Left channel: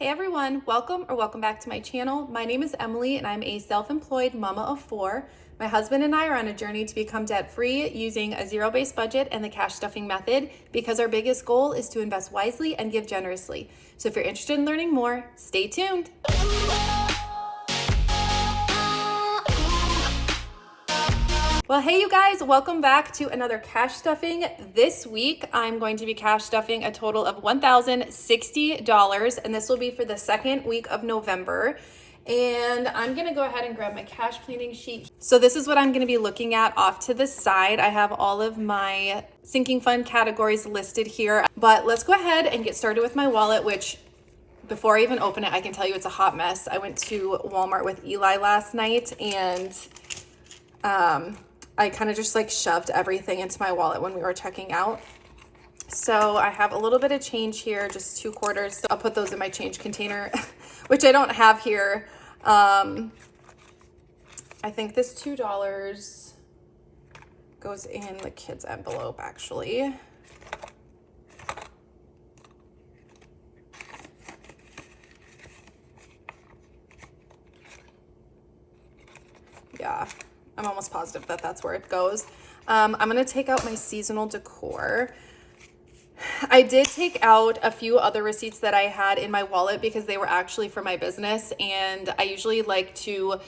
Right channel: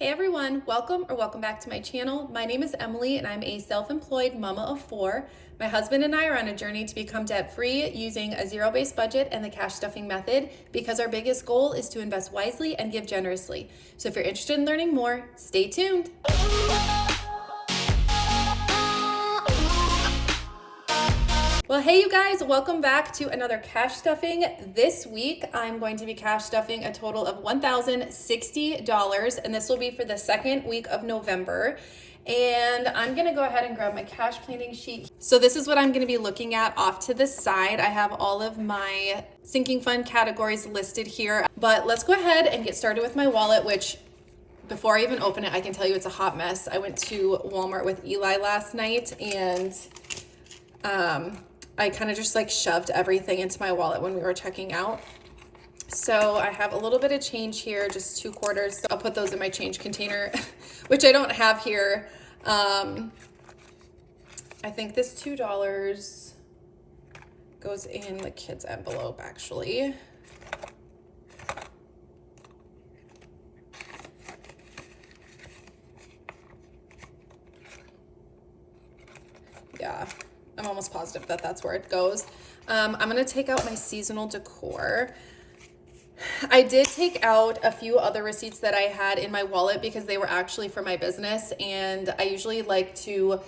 Hey everyone, welcome back to my channel. My name is Emily and I'm a self-employed mama of 4. My husband and I are on a journey to become debt-free using a zero-based budget and the cash stuffing method because our biggest goal is to invest wisely and give generously. So if you're interested in learning more, stay tuned. Well, hey you guys, welcome back to another cash stuffing. This week, I'm going to be cash stuffing a total of $1,060, and this will be for the second week of November. And I'm gonna go ahead and grab my cash planning sheet. So this is what I'm gonna be looking at off to the side. I have all of my sinking fund categories listed here, but let's go ahead and get started with my wallet, which before I even open it, I can tell you it's a hot mess. I went to Walmart with Eli last night and I kind of just like shoved everything into my wallet when we were checking out. So I have a little bit of change here, just 2 quarters. So I'll put those in my change container, which I don't have here. I think this $2 goes in the kids' envelope actually. Yeah. I'm almost positive that that's where it goes. I'm gonna take out my seasonal decor. I did take out a few other receipts that I had in my wallet because they were actually for my business, and I usually like to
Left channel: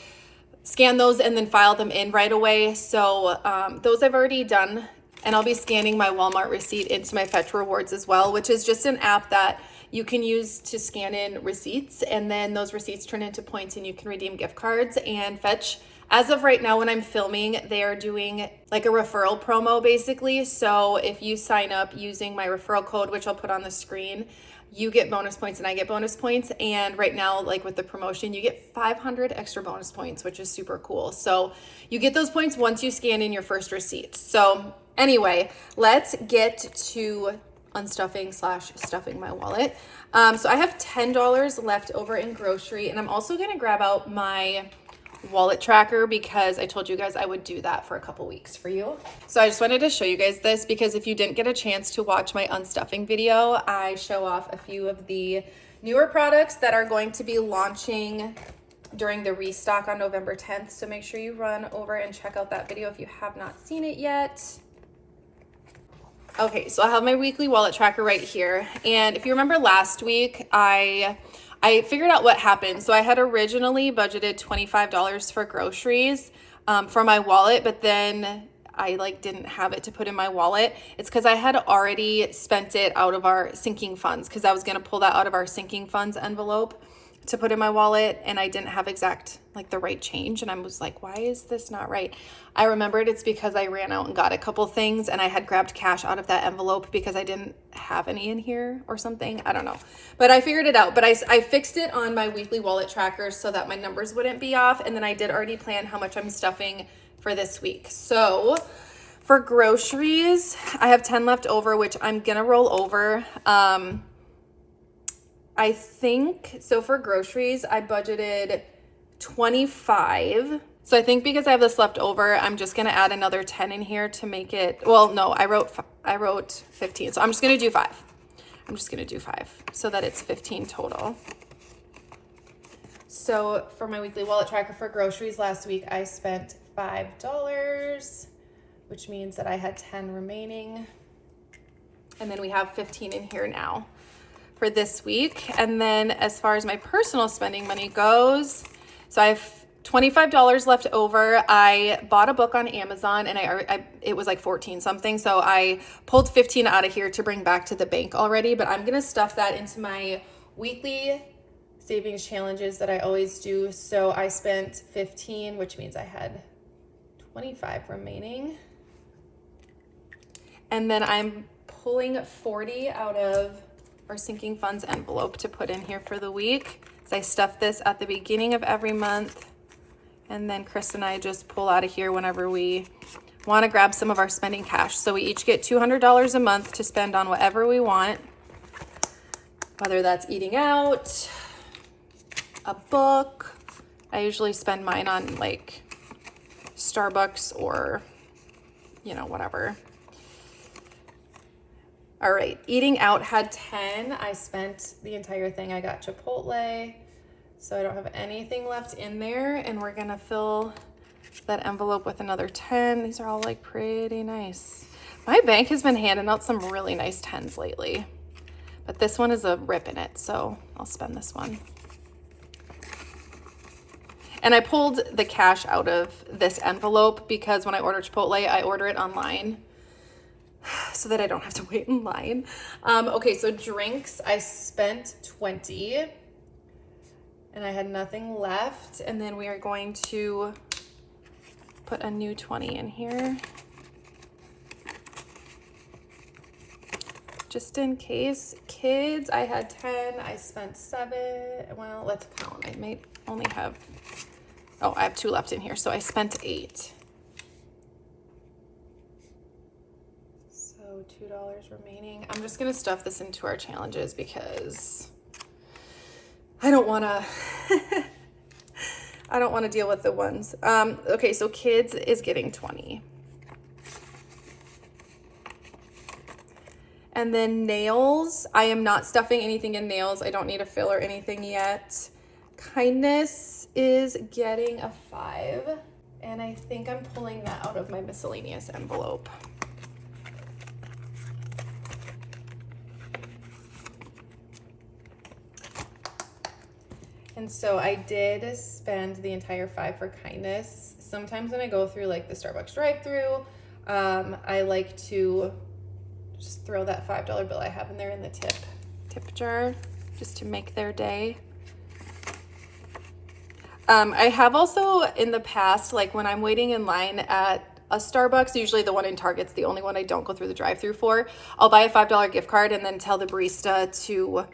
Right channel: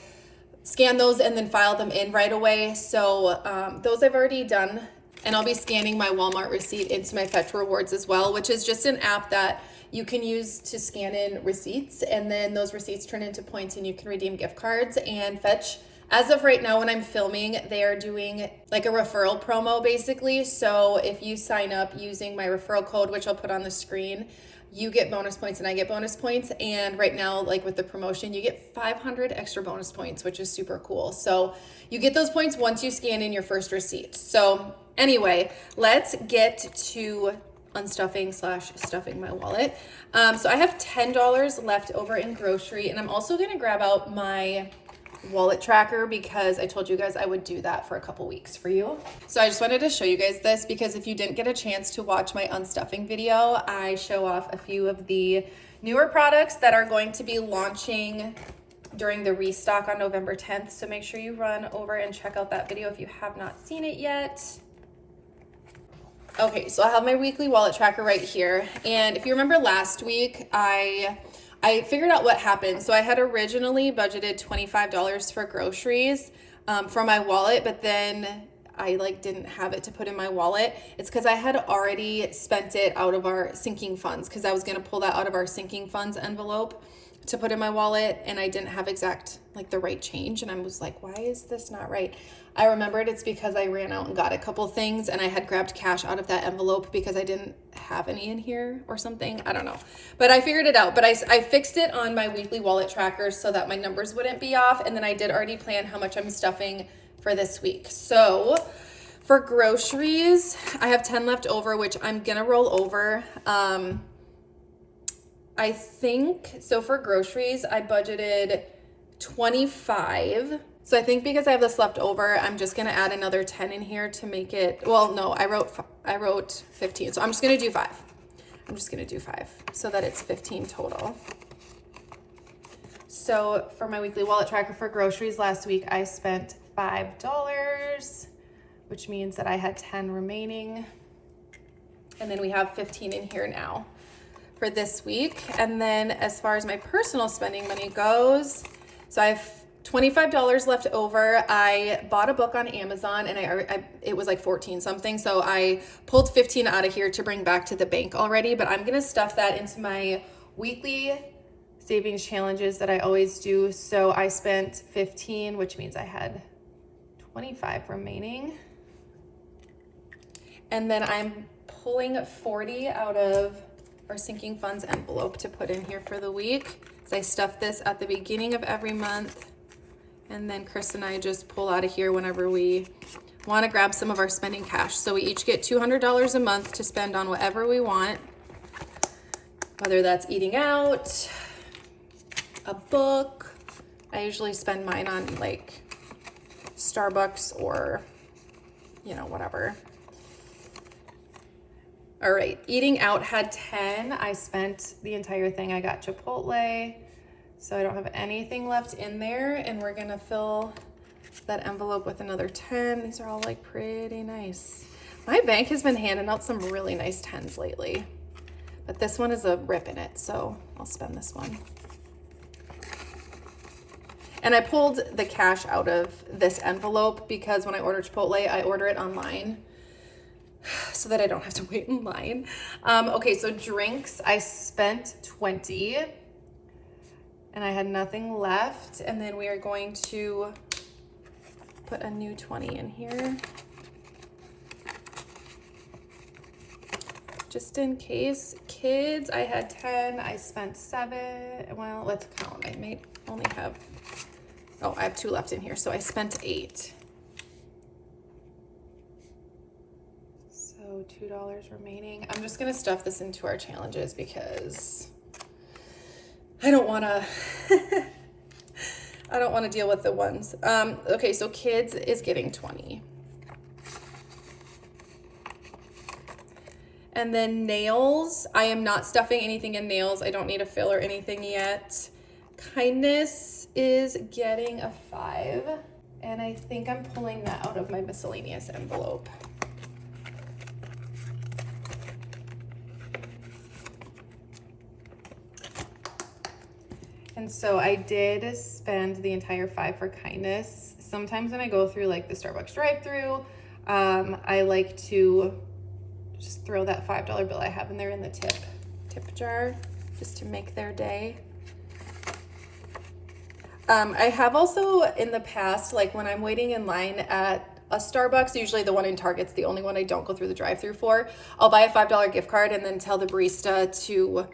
scan those and then file them in right away. So those I've already done, and I'll be scanning my Walmart receipt into my Fetch Rewards as well, which is just an app that you can use to scan in receipts, and then those receipts turn into points and you can redeem gift cards. And Fetch, as of right now when I'm filming, they are doing like a referral promo basically. So if you sign up using my referral code, which I'll put on the screen, you get bonus points and I get bonus points. And right now, like with the promotion, you get 500 extra bonus points, which is super cool. So you get those points once you scan in your first receipt. So anyway, let's get to unstuffing / stuffing my wallet. So I have $10 left over in grocery, and I'm also gonna grab out my wallet tracker because I told you guys I would do that for a couple weeks for you. So I just wanted to show you guys this because if you didn't get a chance to watch my unstuffing video, I show off a few of the newer products that are going to be launching during the restock on November 10th. So make sure you run over and check out that video if you have not seen it yet. Okay, so I have my weekly wallet tracker right here. And if you remember last week, I figured out what happened. So I had originally budgeted $25 for groceries for my wallet, but then I didn't have it to put in my wallet. It's because I had already spent it out of our sinking funds because I was gonna pull that out of our sinking funds envelope to put in my wallet, and I didn't have exact the right change, and I was like, why is this not right? I remembered it's because I ran out and got a couple things and I had grabbed cash out of that envelope because I didn't have any in here or something. I don't know, but I figured it out. But I fixed it on my weekly wallet tracker so that my numbers wouldn't be off, and then I did already plan how much I'm stuffing for this week. So for groceries, I have 10 left over, which I'm gonna roll over. I think, so for groceries, I budgeted 25. So I think because I have this left over, I'm just gonna add another 10 in here to make it, well, no, I wrote 15. So I'm just gonna do 5. I'm just gonna do 5 so that it's 15 total. So for my weekly wallet tracker for groceries last week, I spent $5, which means that I had 10 remaining. And then we have 15 in here now for this week. And then as far as my personal spending money goes, so I have $25 left over. I bought a book on Amazon and it was like 14 something. So I pulled 15 out of here to bring back to the bank already, but I'm gonna stuff that into my weekly savings challenges that I always do. So I spent 15, which means I had 25 remaining. And then I'm pulling 40 out of our sinking funds envelope to put in here for the week. So I stuff this at the beginning of every month. And then Chris and I just pull out of here whenever we want to grab some of our spending cash. So we each get $200 a month to spend on whatever we want, whether that's eating out, a book. I usually spend mine on Starbucks or, whatever. All right, eating out had 10. I spent the entire thing. I got Chipotle, so I don't have anything left in there, and we're gonna fill that envelope with another 10. These are all like pretty nice. My bank has been handing out some really nice 10s lately, but this one is a rip in it, so I'll spend this one. And I pulled the cash out of this envelope because when I order Chipotle, I order it online so that I don't have to wait in line. Okay, so drinks, I spent 20 and I had nothing left. And then we are going to put a new 20 in here, just in case. Kids, I had 10, I spent 7. Well, let's count. I may only have, oh, I have 2 left in here, so I spent 8. So $2 remaining. I'm just gonna stuff this into our challenges because I don't wanna I don't wanna deal with the ones. Okay, so kids is getting 20. And then nails, I am not stuffing anything in nails. I don't need a fill or anything yet. Kindness is getting a 5. And I think I'm pulling that out of my miscellaneous envelope. And so I did spend the entire 5 for kindness. Sometimes when I go through like the Starbucks drive-thru, I like to just throw that $5 bill I have in there in the tip jar just to make their day. I have also in the past, like when I'm waiting in line at a Starbucks, usually the one in Target's the only one I don't go through the drive-thru for, I'll buy a $5 gift card and then tell the barista to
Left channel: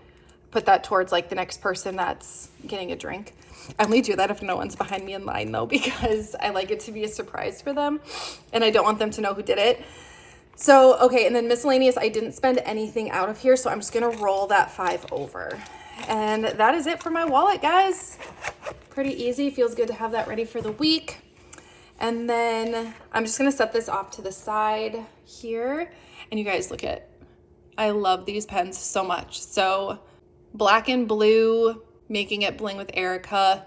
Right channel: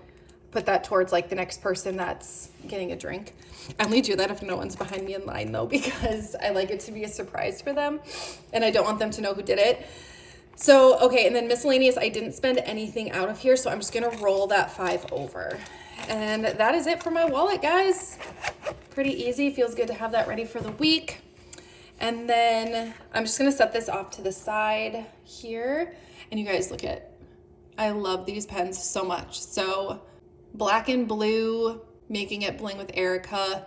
put that towards like the next person that's getting a drink. I only do that if no one's behind me in line though, because I like it to be a surprise for them and I don't want them to know who did it. So, okay, and then miscellaneous, I didn't spend anything out of here, so I'm just gonna roll that 5 over. And that is it for my wallet, guys. Pretty easy, feels good to have that ready for the week. And then I'm just gonna set this off to the side here. And you guys look at, I love these pens so much. So black and blue, making it bling with Erica.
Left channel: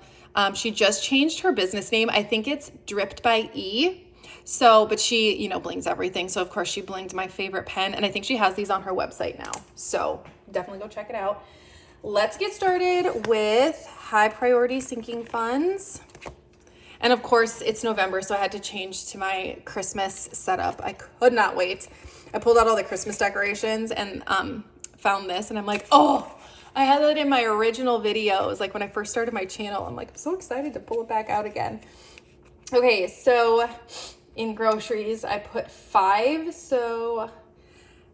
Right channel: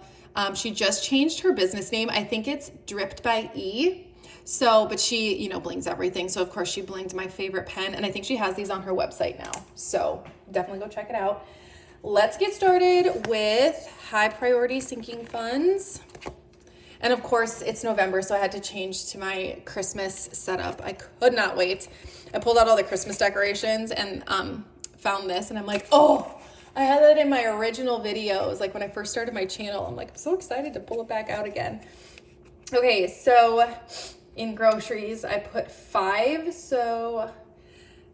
She just changed her business name. I think it's Dripped by E. So, but she, you know, blings everything. So of course she blinged my favorite pen, and I think she has these on her website now. So definitely go check it out. Let's get started with high priority sinking funds. And of course it's November, so I had to change to my Christmas setup. I could not wait. I pulled out all the Christmas decorations and found this, and I'm like, oh, I had that in my original videos. Like when I first started my channel, I'm like, I'm so excited to pull it back out again. Okay, so in groceries, I put 5. So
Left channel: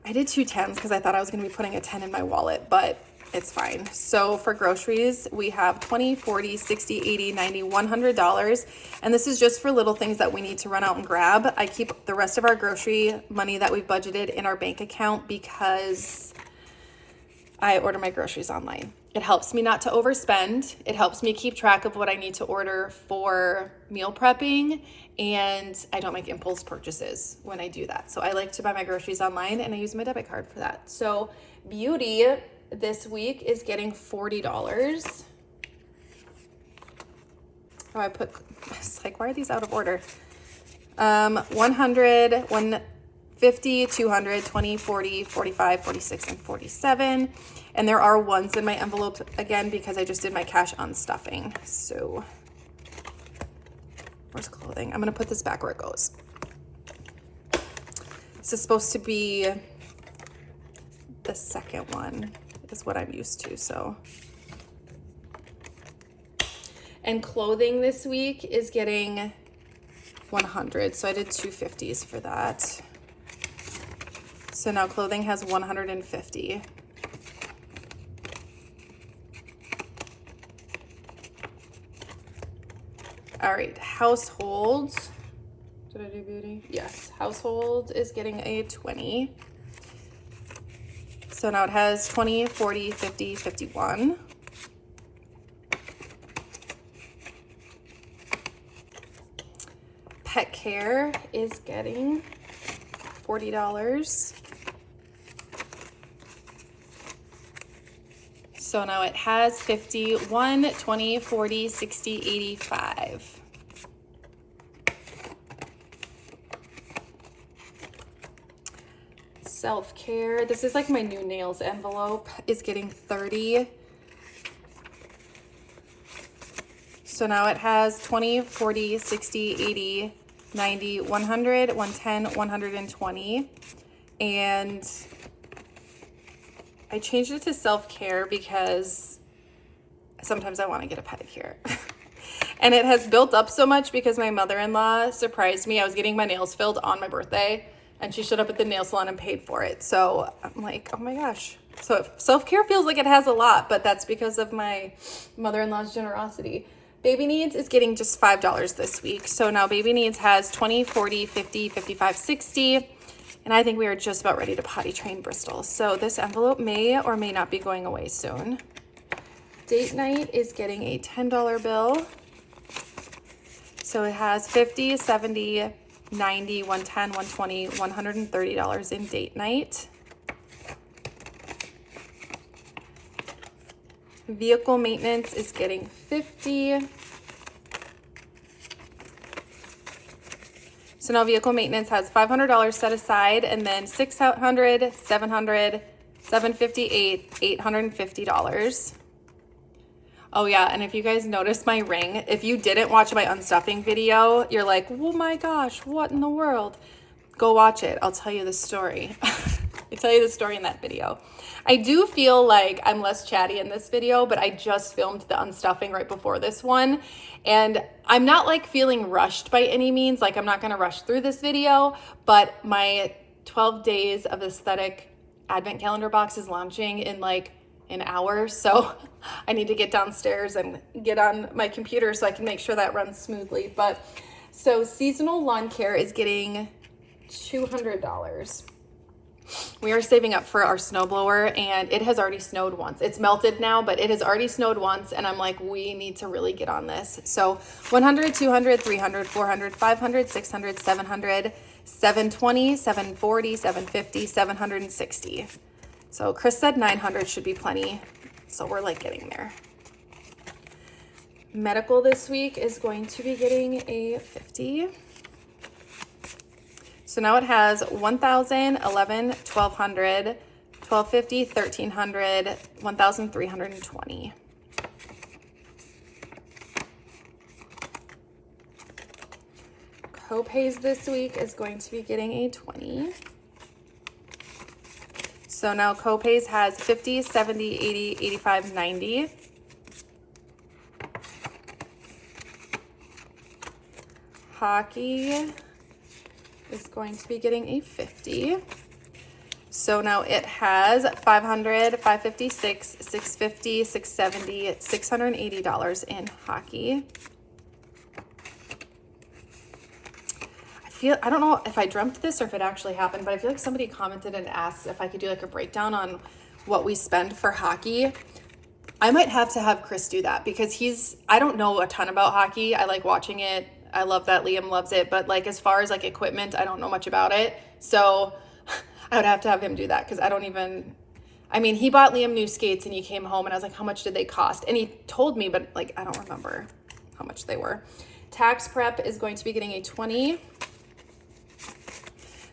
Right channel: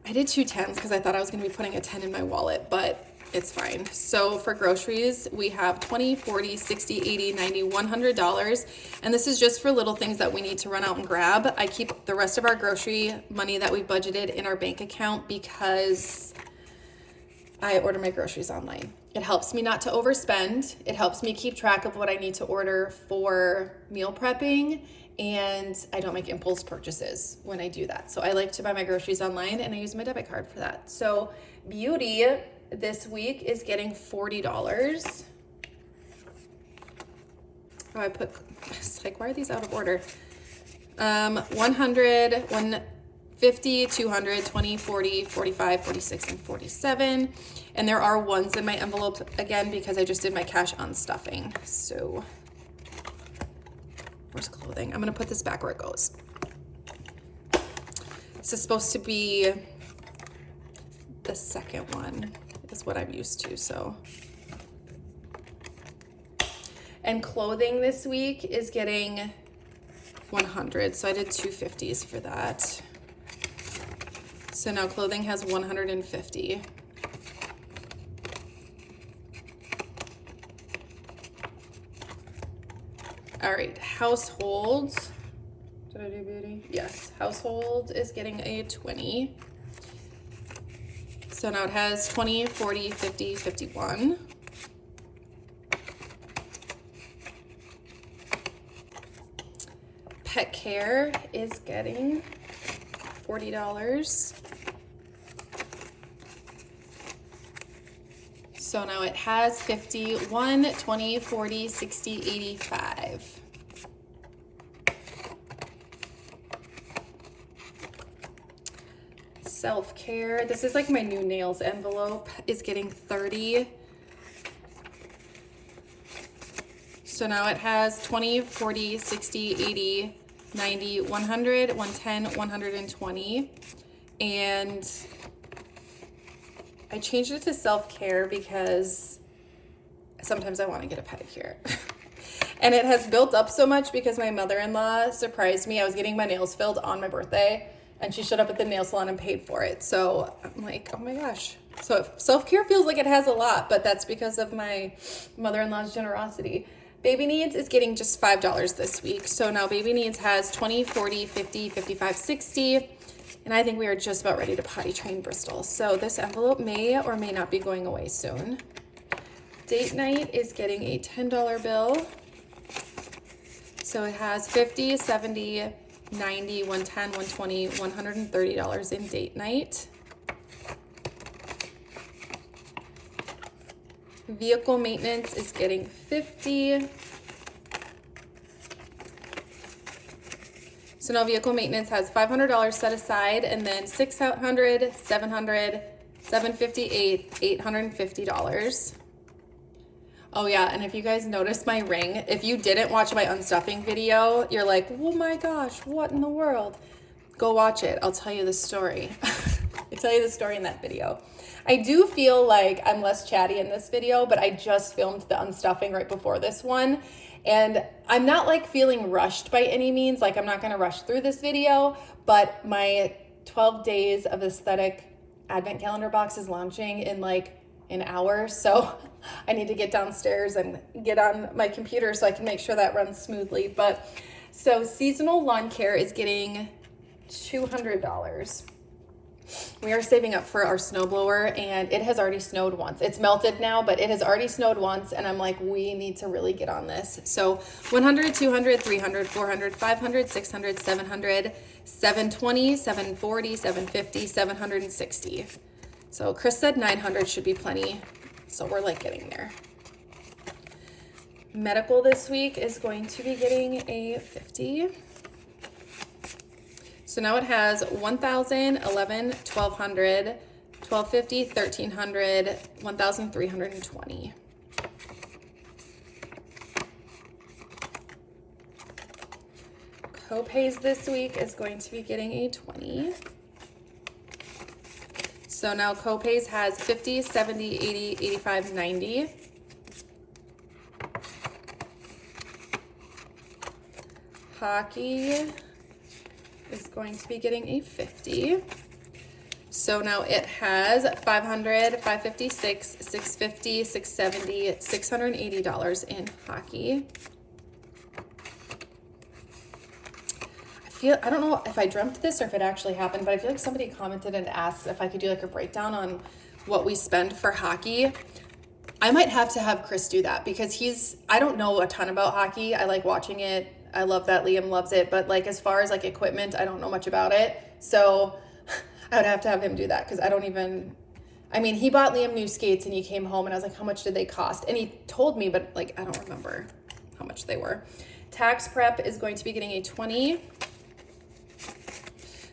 I did 2 10s because I thought I was going to be putting a 10 in my wallet, but it's fine. So for groceries, we have $20, $40, $60, $80, $90, $100. And this is just for little things that we need to run out and grab. I keep the rest of our grocery money that we budgeted in our bank account because I order my groceries online. It helps me not to overspend. It helps me keep track of what I need to order for meal prepping, and I don't make impulse purchases when I do that. So I like to buy my groceries online, and I use my debit card for that. So beauty this week is getting $40. Oh, I put, it's like, why are these out of order? 100, 150, 200, 20, 40, 45, 46, and 47. And there are ones in my envelope again because I just did my cash on stuffing. So where's clothing? I'm gonna put this back where it goes. This is supposed to be the second one, is what I'm used to, so. And clothing this week is getting 100, so I did 250s for that. So now clothing has 150. All right, household. Did I do beauty? Yes, household is getting a 20. So now it has 20, 40, 50, 51. Pet care is getting $40. So now it has 50, 1, 20, 40, 60, 85. Self-care. This is like my new nails envelope is getting 30. So now it has 20, 40, 60, 80, 90, 100, 110, 120. And I changed it to self-care because sometimes I want to get a pedicure. And it has built up so much because my mother-in-law surprised me. I was getting my nails filled on my birthday and she showed up at the nail salon and paid for it. So I'm like, oh my gosh. So self-care feels like it has a lot, but that's because of my mother-in-law's generosity. Baby Needs is getting just $5 this week. So now Baby Needs has 20, 40, 50, 55, 60. And I think we are just about ready to potty train Bristol. So this envelope may or may not be going away soon. Date night is getting a $10 bill. So it has 50, 70, 90, 110, 120, $130 in date night. Vehicle maintenance is getting 50. So now vehicle maintenance has $500 set aside, and then $600, $700, $758, $850. Oh yeah, and if you guys noticed my ring, if you didn't watch my unstuffing video, you're like, oh my gosh, what in the world? Go watch it. I'll tell you the story. I tell you the story in that video. I do feel like I'm less chatty in this video, but I just filmed the unstuffing right before this one. And I'm not like feeling rushed by any means. Like I'm not going to rush through this video, but my 12 days of aesthetic advent calendar box is launching in like an hour. So I need to get downstairs and get on my computer so I can make sure that runs smoothly. But so seasonal lawn care is getting $200. We are saving up for our snowblower, and it has already snowed once. It's melted now, but it has already snowed once, and I'm like, we need to really get on this. So 100, 200, 300, 400, 500, 600, 700, 720, 740, 750, 760. So Chris said 900 should be plenty. So we're like getting there. Medical this week is going to be getting a 50. So now it has 1,000, 11, 1,200, 1,250, 1,300, 1,320. Copays this week is going to be getting a 20. So now copays has 50, 70, 80, 85, 90. Hockey is going to be getting a 50. So now it has 500, 556, 650, 670, $680 in hockey. I don't know if I dreamt this or if it actually happened, but I feel like somebody commented and asked if I could do like a breakdown on what we spend for hockey. I might have to have Chris do that because I don't know a ton about hockey. I like watching it. I love that Liam loves it, but like as far as like equipment, I don't know much about it. So I would have to have him do that because he bought Liam new skates and he came home and I was like, how much did they cost? And he told me, but like, I don't remember how much they were. Tax prep is going to be getting a 20.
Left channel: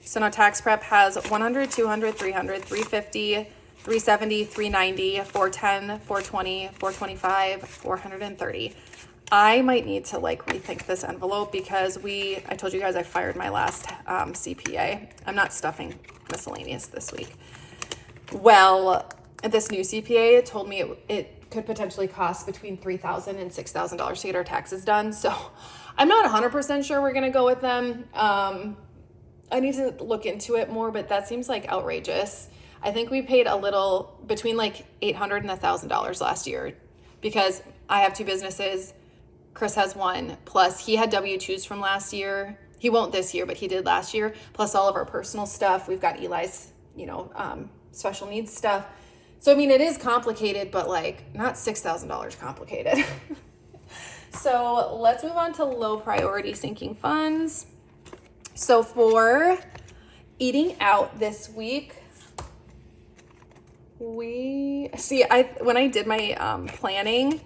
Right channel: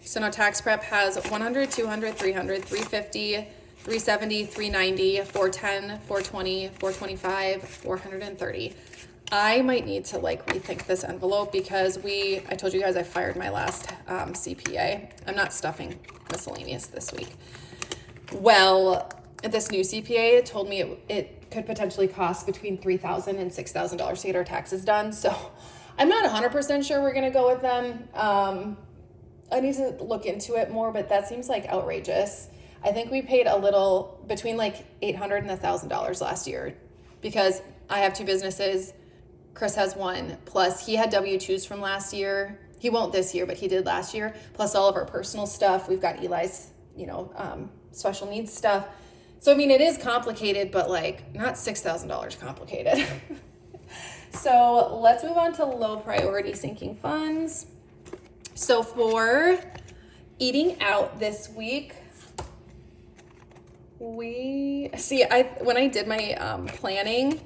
So now tax prep has 100, 200, 300, 350, 370, 390, 410, 420, 425, 430. I might need to like rethink this envelope because I told you guys I fired my last CPA. I'm not stuffing miscellaneous this week. Well, this new CPA told me it could potentially cost between $3,000 and $6,000 to get our taxes done. So I'm not 100% sure we're going to go with them. I need to look into it more, but that seems like outrageous. I think we paid a little between like $800 and $1,000 last year because I have two businesses. Chris has one, plus he had W-2s from last year. He won't this year, but he did last year, plus all of our personal stuff. We've got Eli's, special needs stuff. So, it is complicated, but like not $6,000 complicated. So let's move on to low priority sinking funds. So for eating out this week, when I did my planning,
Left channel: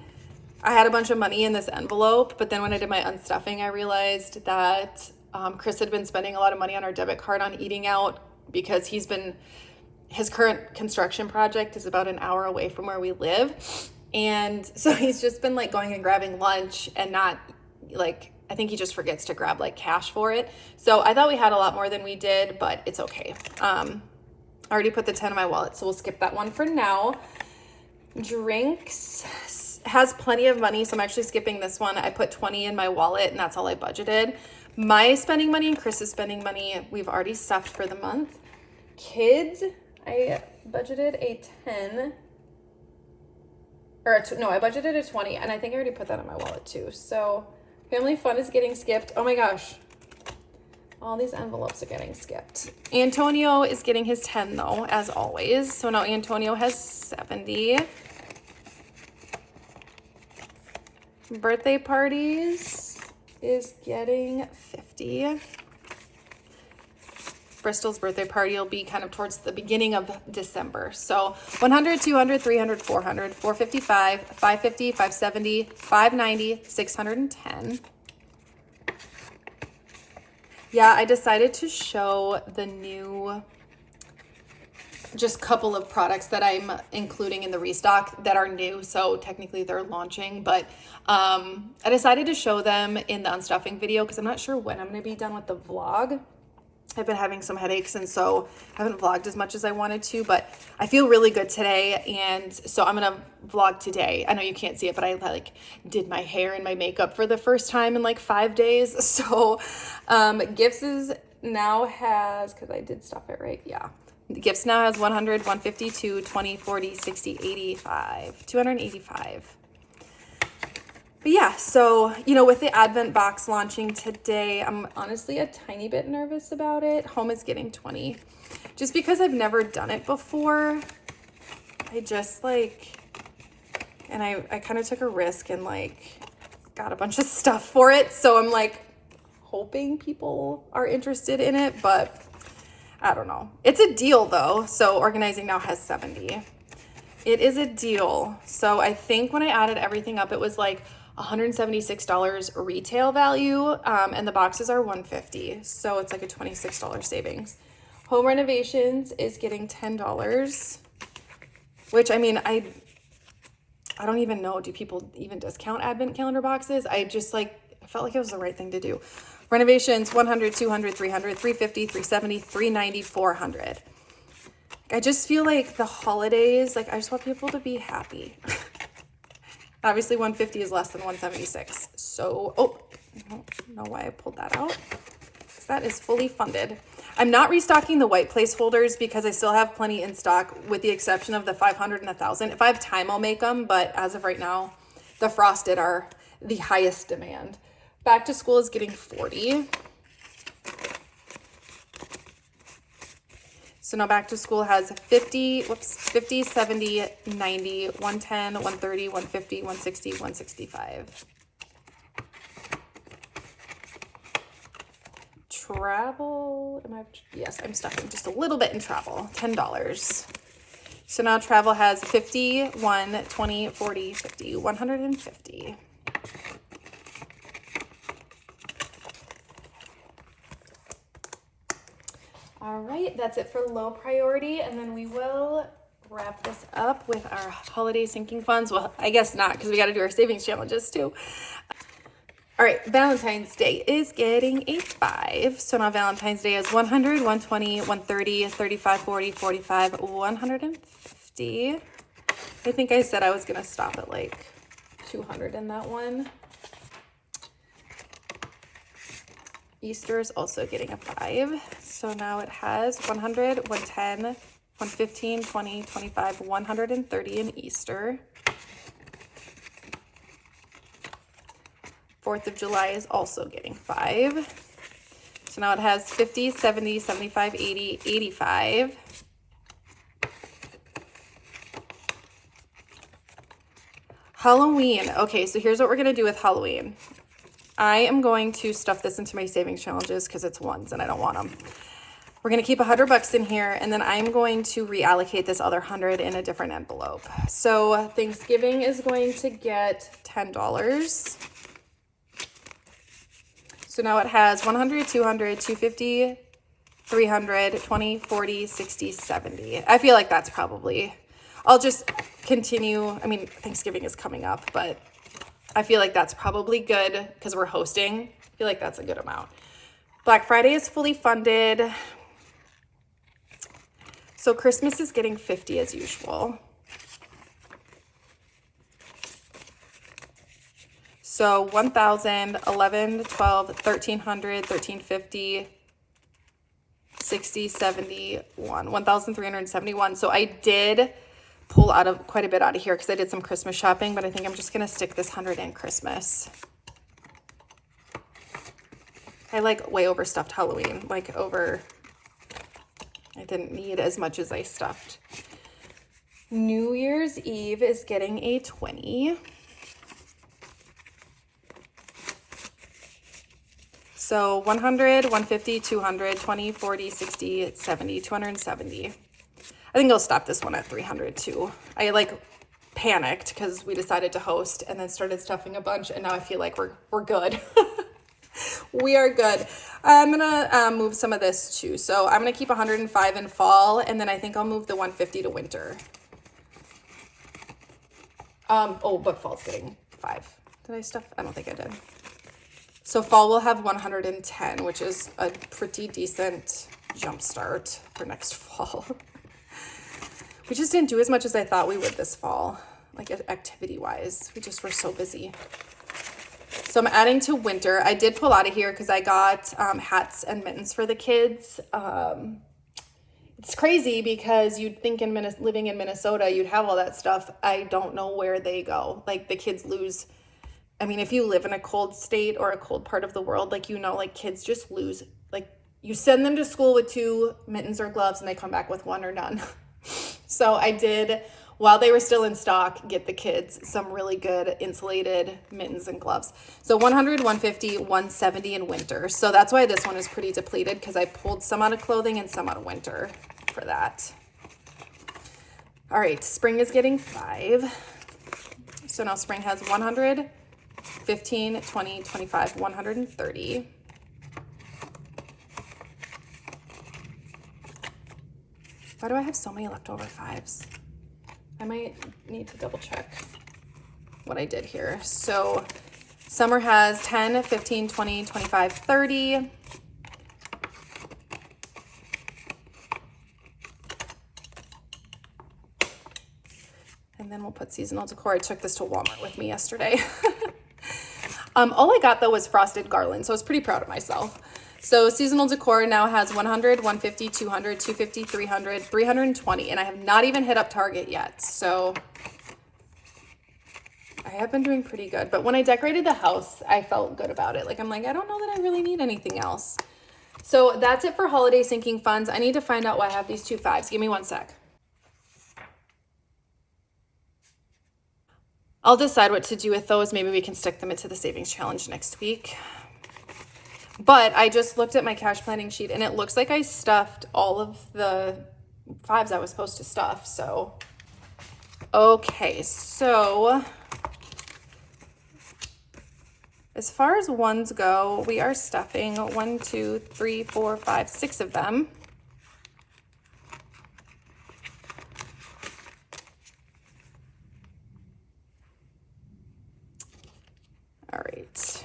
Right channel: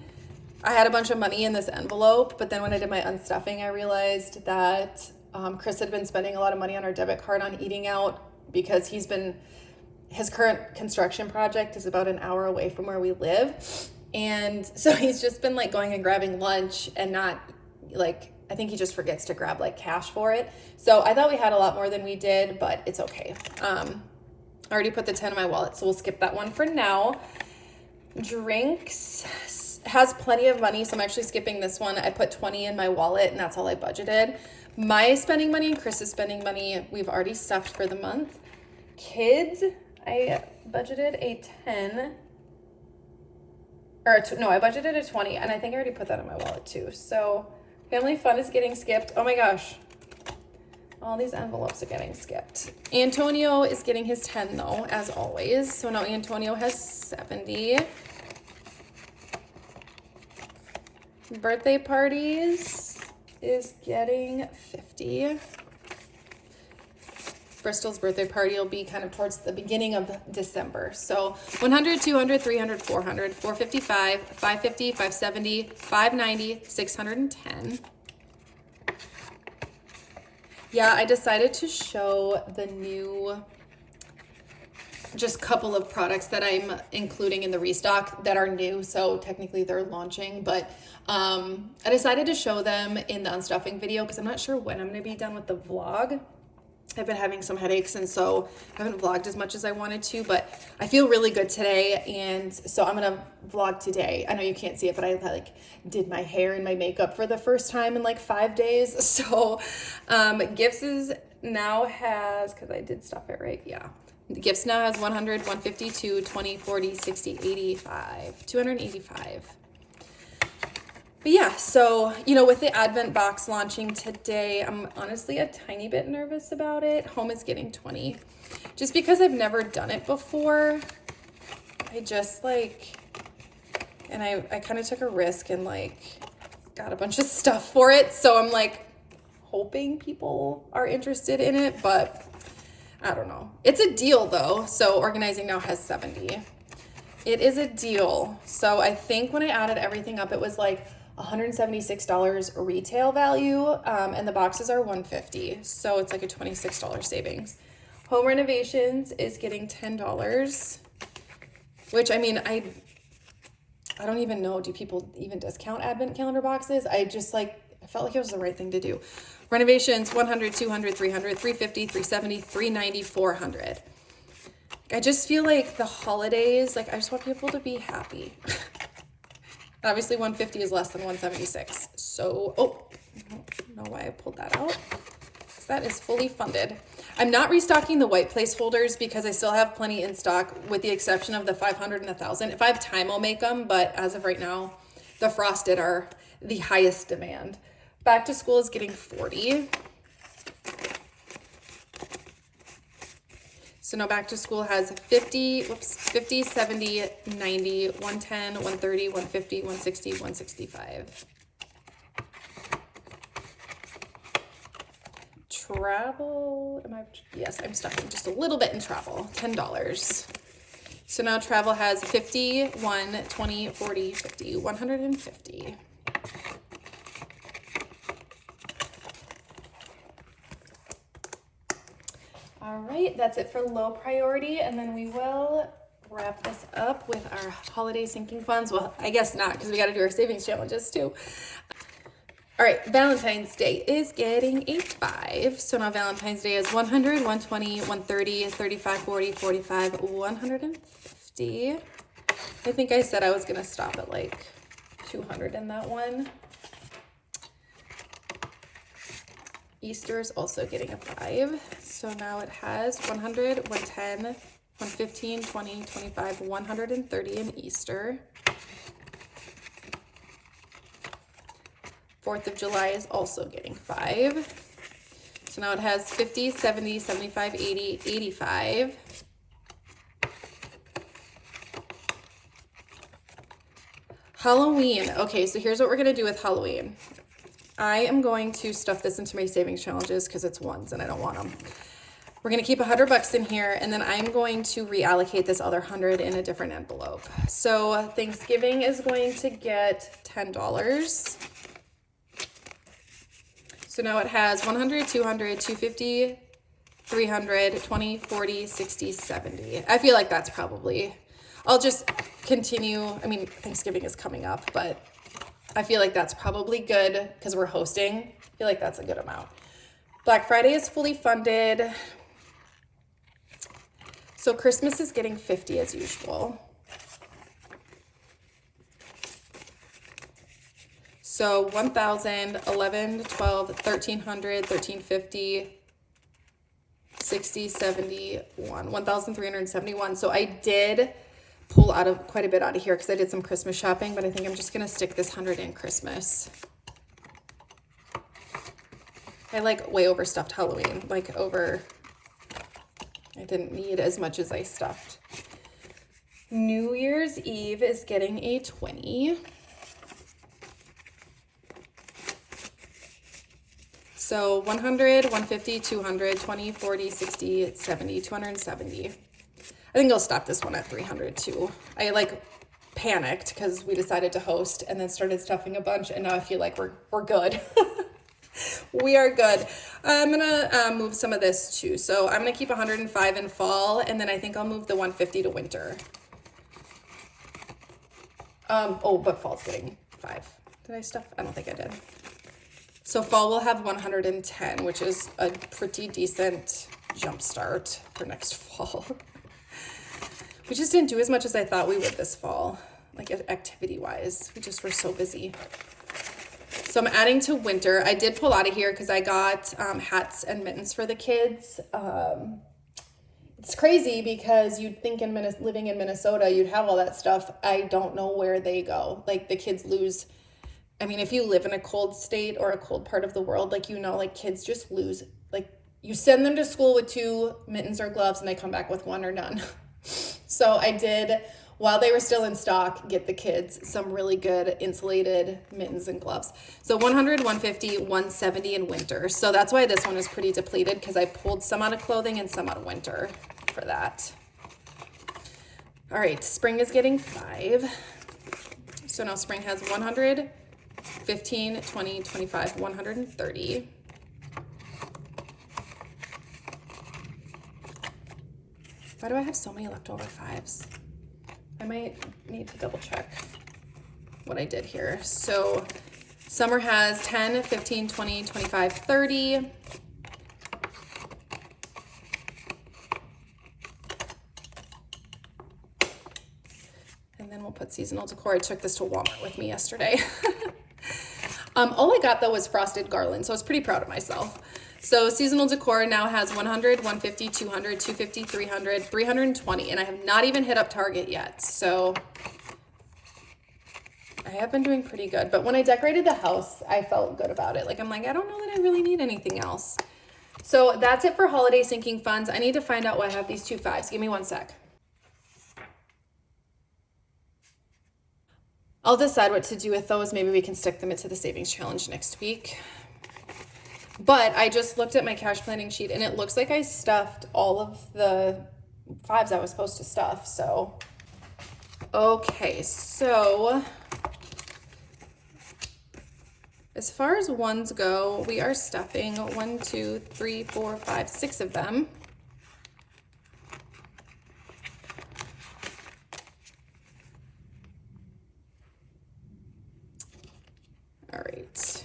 I had a bunch of money in this envelope, but then when I did my unstuffing, I realized that Chris had been spending a lot of money on our debit card on eating out because his current construction project is about an hour away from where we live. And so he's just been like going and grabbing lunch and not like, I think he just forgets to grab like cash for it. So I thought we had a lot more than we did, but it's okay. I already put the 10 in my wallet, so we'll skip that one for now. Drinks has plenty of money, so I'm actually skipping this one. I put 20 in my wallet and that's all I budgeted. My spending money and Chris's spending money, we've already stuffed for the month. Kids, I budgeted a 10, I budgeted a 20, and I think I already put that in my wallet too. So family fun is getting skipped. Oh my gosh. All these envelopes are getting skipped. Antonio is getting his 10 though, as always. So now Antonio has 70. Birthday parties is getting 50. Bristol's birthday party will be kind of towards the beginning of December. So 100, 200, 300, 400, 455, 550, 570, 590, 610. Yeah, I decided to show the new, just couple of products that I'm including in the restock that are new. So technically they're launching, but I decided to show them in the unstuffing video because I'm not sure when I'm going to be done with the vlog. I've been having some headaches, and so I haven't vlogged as much as I wanted to, but I feel really good today, and so I'm gonna vlog today. I know you can't see it, but I like did my hair and my makeup for the first time in like 5 days. So Gifts is now has, because I did stuff it right, yeah. Gifts now has 100, 152, 20, 40, 60, 85, 285. But yeah, so, you know, with the Advent box launching today, I'm honestly a tiny bit nervous about it. Home is getting 20. Just because I've never done it before, I just like, and I kind of took a risk and like got a bunch of stuff for it. So I'm like hoping people are interested in it, but I don't know. It's a deal though. So Organizing Now has 70. It is a deal. So I think when I added everything up, it was like $176 retail value, and the boxes are $150, so it's like a $26 savings. Home Renovations is getting $10, which I mean, I don't even know, do people even discount Advent calendar boxes? I just like, I felt like it was the right thing to do. Renovations 100, 200, 300, 350, 370, 390, 400. I just feel like the holidays, like I just want people to be happy. Obviously 150 is less than 176. So, I don't know why I pulled that out. That is fully funded. I'm not restocking the white placeholders because I still have plenty in stock with the exception of the 500 and 1,000. If I have time, I'll make them. But as of right now, the frosted are the highest demand. Back to School is getting 40. So now Back to School has 50, 70, 90, 110, 130, 150, 160, 165. Travel, yes, I'm stuffing just a little bit in travel, $10. So now Travel has 50, 1, 20, 40, 50, 150. All right, that's it for low priority, and then we will wrap this up with our holiday sinking funds. Well, I guess not, because we got to do our savings challenges too. All right, Valentine's Day is getting a 5. So now Valentine's Day is 100, 120, 130, 35, 40, 45, 150. I think I said I was going to stop at like 200 in that one. Easter is also getting a 5. So now it has 100, 110, 115, 20, 25, 130 in Easter. 4th of July is also getting 5. So now it has 50, 70, 75, 80, 85. Halloween. Okay, so here's what we're going to do with Halloween. I am going to stuff this into my savings challenges because it's ones and I don't want them. We're going to keep $100 in here, and then I'm going to reallocate this other 100 in a different envelope. So Thanksgiving is going to get $10. So now it has 100, 200, 250, 300, 20, 40, 60, 70. I feel like that's probably, I'll just continue. I mean, Thanksgiving is coming up, but I feel like that's probably good because we're hosting. I feel like that's a good amount. Black Friday is fully funded. So Christmas is getting 50 as usual. So 1,000, 11, 12, 1,300, 1,350, 60, 71, 1,371. So I did pull out of quite a bit out of here because I did some Christmas shopping, but I think I'm just going to stick this 100 in Christmas. I like way overstuffed Halloween, like over, I didn't need as much as I stuffed. New Year's Eve is getting a 20. So 100, 150, 200, 20, 40, 60, 70, 270. I think I'll stop this one at 300 too. I like panicked because we decided to host and then started stuffing a bunch, and now I feel like we're good. We are good. I'm gonna move some of this too. So I'm gonna keep 105 in fall, and then I think I'll move the 150 to winter. Oh, but fall's getting 5. Did I stuff? I don't think I did. So fall will have 110, which is a pretty decent jump start for next fall. We just didn't do as much as I thought we would this fall, like activity-wise. We just were so busy. So I'm adding to winter. I did pull out of here because I got hats and mittens for the kids. It's crazy because you'd think living in Minnesota, you'd have all that stuff. I don't know where they go. Like the kids lose. I mean, if you live in a cold state or a cold part of the world, like, you know, like kids just lose. Like you send them to school with 2 mittens or gloves and they come back with 1 or none. So I did, while they were still in stock, get the kids some really good insulated mittens and gloves. So 100, 150, 170 in winter. So that's why this one is pretty depleted, because I pulled some out of clothing and some out of winter for that. All right, spring is getting 5. So now spring has 100, 15, 20, 25, 130. Why do I have so many leftover 5s? I might need to double check what I did here. So summer has 10, 15, 20, 25, 30. And then we'll put seasonal decor. I took this to Walmart with me yesterday. All I got though was frosted garland, so I was pretty proud of myself. So seasonal decor now has 100, 150, 200, 250, 300, 320, and I have not even hit up Target yet. So I have been doing pretty good, but when I decorated the house, I felt good about it. Like, I'm like, I don't know that I really need anything else. So that's it for holiday sinking funds. I need to find out why I have these 2 5s. Give me 1 sec. I'll decide what to do with those. Maybe we can stick them into the savings challenge next week. But I just looked at my cash planning sheet and it looks like I stuffed all of the 5s I was supposed to stuff. So, okay. So as far as ones go, we are stuffing 1, 2, 3, 4, 5, 6 of them. All right.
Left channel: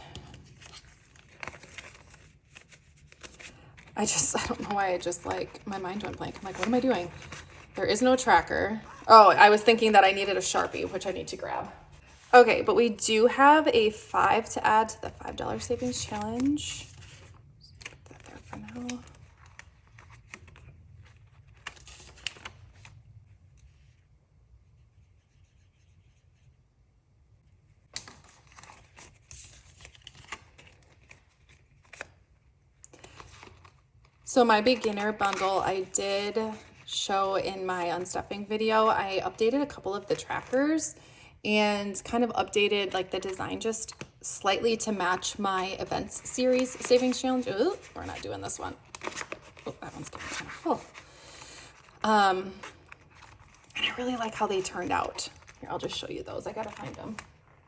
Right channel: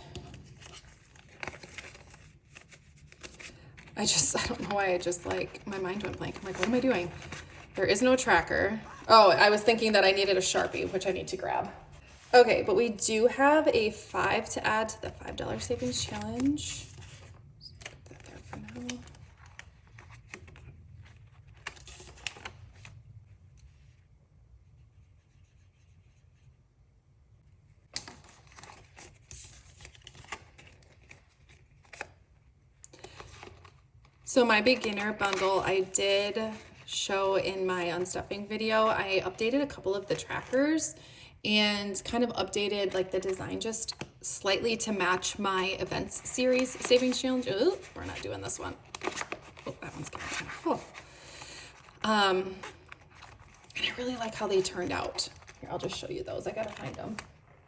I don't know why my mind went blank. I'm like, what am I doing? There is no tracker. Oh, I was thinking that I needed a Sharpie, which I need to grab. Okay, but we do have a 5 to add to the $5 savings challenge. Just put that there for now. So my beginner bundle, I did show in my unstuffing video. I updated a couple of the trackers and kind of updated like the design just slightly to match my events series savings challenge. Ooh, we're not doing this one. Oh, that one's getting oh. And I really like how they turned out. Here, I'll just show you those. I gotta find them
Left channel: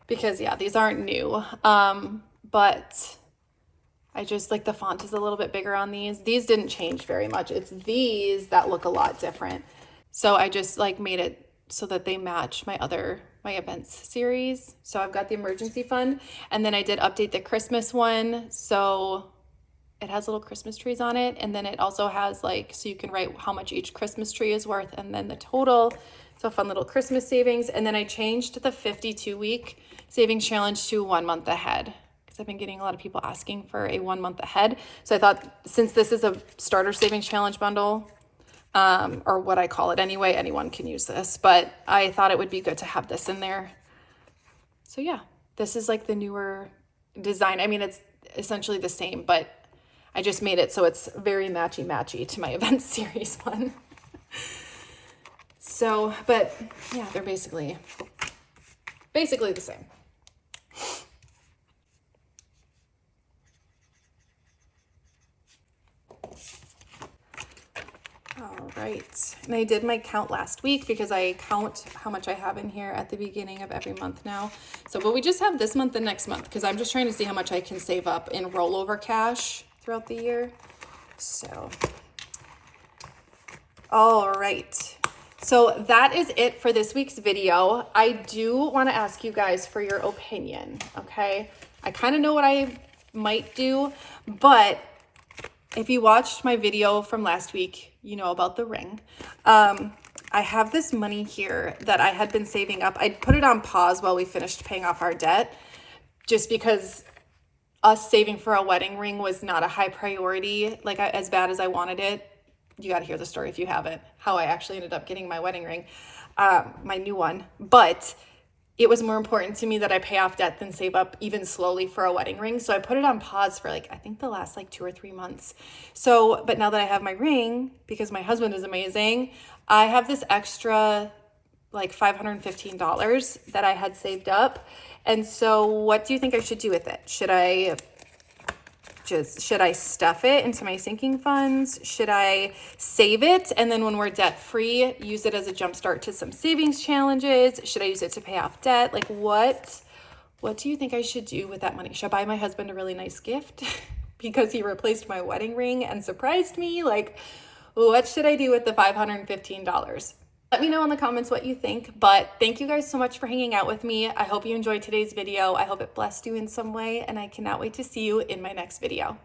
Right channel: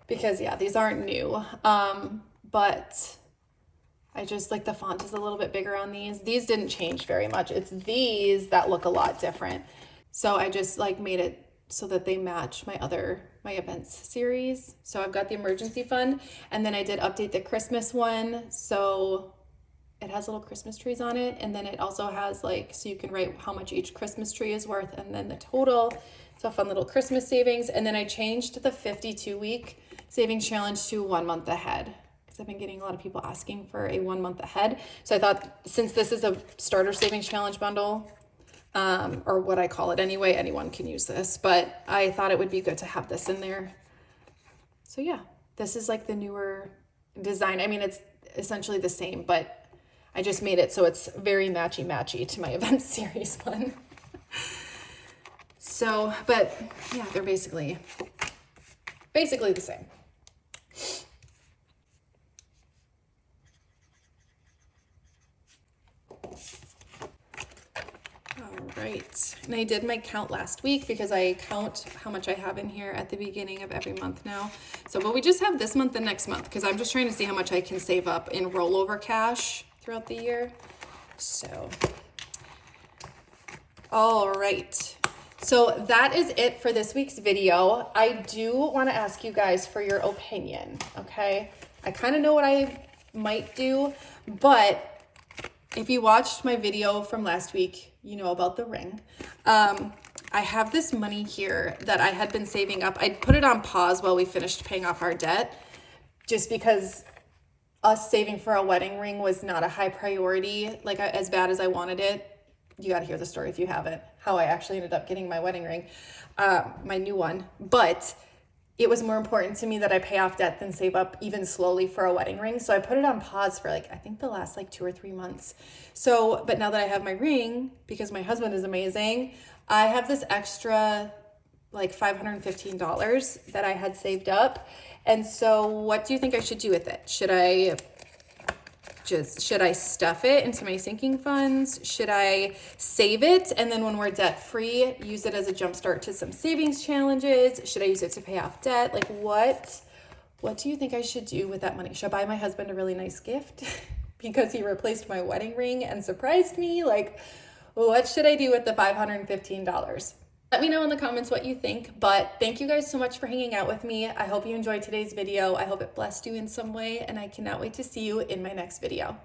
because yeah, these aren't new. But I just like the font is a little bit bigger on these. These didn't change very much. It's these that look a lot different. So I just like made it so that they match my events series. So I've got the emergency fund, and then I did update the Christmas one. So it has little Christmas trees on it. And then it also has like, so you can write how much each Christmas tree is worth and then the total. So fun little Christmas savings. And then I changed the 52-week savings challenge to 1 month ahead. I've been getting a lot of people asking for a 1 month ahead. So I thought since this is a starter savings challenge bundle, or what I call it anyway, anyone can use this, but I thought it would be good to have this in there. So yeah, this is like the newer design. I mean, it's essentially the same, but I just made it so it's very matchy to my event series one. So, but yeah, they're basically the same. Right, and I did my count last week because I count how much I have in here at the beginning of every month now. So, but we just have this month and next month because I'm just trying to see how much I can save up in rollover cash throughout the year. So, all right. So that is it for this week's video. I do want to ask you guys for your opinion, okay? I kind of know what I might do, but if you watched my video from last week, you know about the ring. I have this money here that I had been saving up. I put it on pause while we finished paying off our debt, just because us saving for a wedding ring was not a high priority, like as bad as I wanted it. You got to hear the story if you haven't, how I actually ended up getting my wedding ring, my new one. But it was more important to me that I pay off debt than save up even slowly for a wedding ring. So I put it on pause for like, I think the last like 2 or 3 months. So, but now that I have my ring, because my husband is amazing, I have this extra like $515 that I had saved up. And so what do you think I should do with it? Should I stuff it into my sinking funds? Should I save it? And then when we're debt free, use it as a jumpstart to some savings challenges? Should I use it to pay off debt? Like what do you think I should do with that money? Should I buy my husband a really nice gift because he replaced my wedding ring and surprised me? Like, what should I do with the $515? Let me know in the comments what you think, but thank you guys so much for hanging out with me. I hope you enjoyed today's video. I hope it blessed you in some way, and I cannot wait to see you in my next video.